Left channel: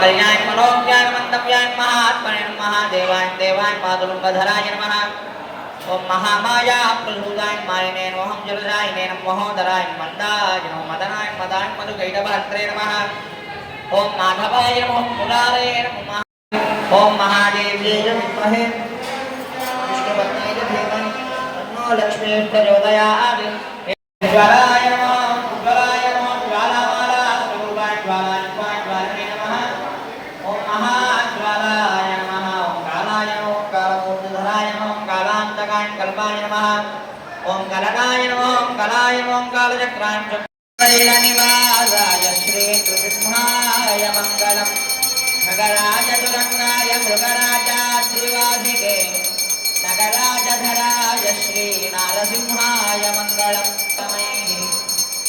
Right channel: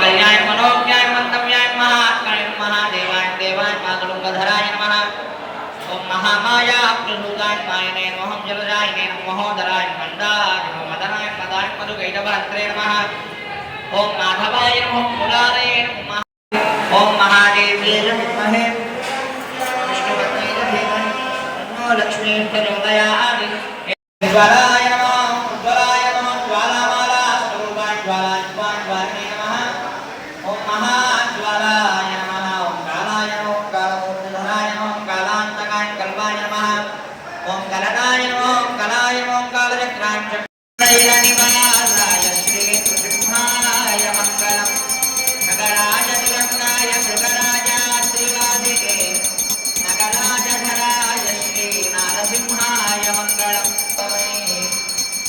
कल्याण मनोज्ञान मंतव्यान महात्मने महादेवाय देवाय पादुलंबधराय नमः। ओम महामाया प्रभुदाय मायने नमः जलरायने नमः महोदराय मंदाय नमः मदनाय मदाय मधुगैडभद्रे नमः। ओम माधवाय नमः मुरारे नमः। ओम महादेवे विद्महे विष्णुपत्नी धीमहि तन्नो लक्ष्मी प्रचोदयात्। ज्वालाय नमः उज्ज्वलाय नमः ज्वालामाला स्वरूपाय ज्वालाय ज्वालाय नमः। ओम महाज्वालाय नमः। ओम कालाय नमः कालमूर्तिधराय नमः कालांतकाय कल्पाय नमः। ओम कलनाय नमः कलाय नमः कालचक्राय चक्रैलनिवासाय श्री नृसिंहाय मङ्गलम्। नगराय तुरंगाय मृगराजाद्रिवाधिके नगराजधराय श्री नारसिंहाय मङ्गलम्।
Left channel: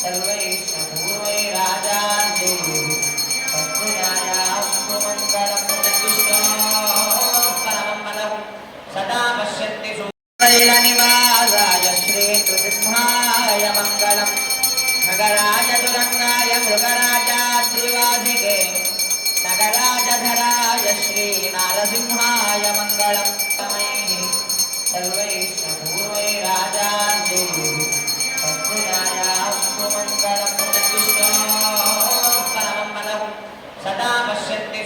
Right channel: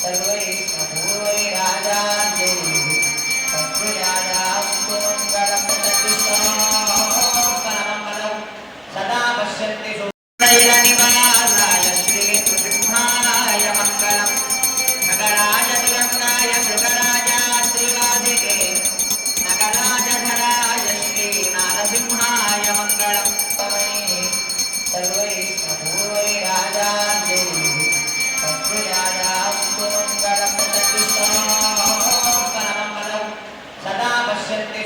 सर्वैः पूर्वैराजान्यैः तत्त्वज्ञानास्तु मङ्गलं परमं सदा पश्यन्ति सुरैलनिवासाय श्री नृसिंहाय मङ्गलम्। नगराय तुरंगाय मृगराजाद्रिवाधिके नगराजधराय श्री नारसिंहाय मङ्गलम्। सर्वैः पूर्वैराजान्यैः तत्त्वज्ञानास्तु मङ्गलं परमं सदा पश्यन्ति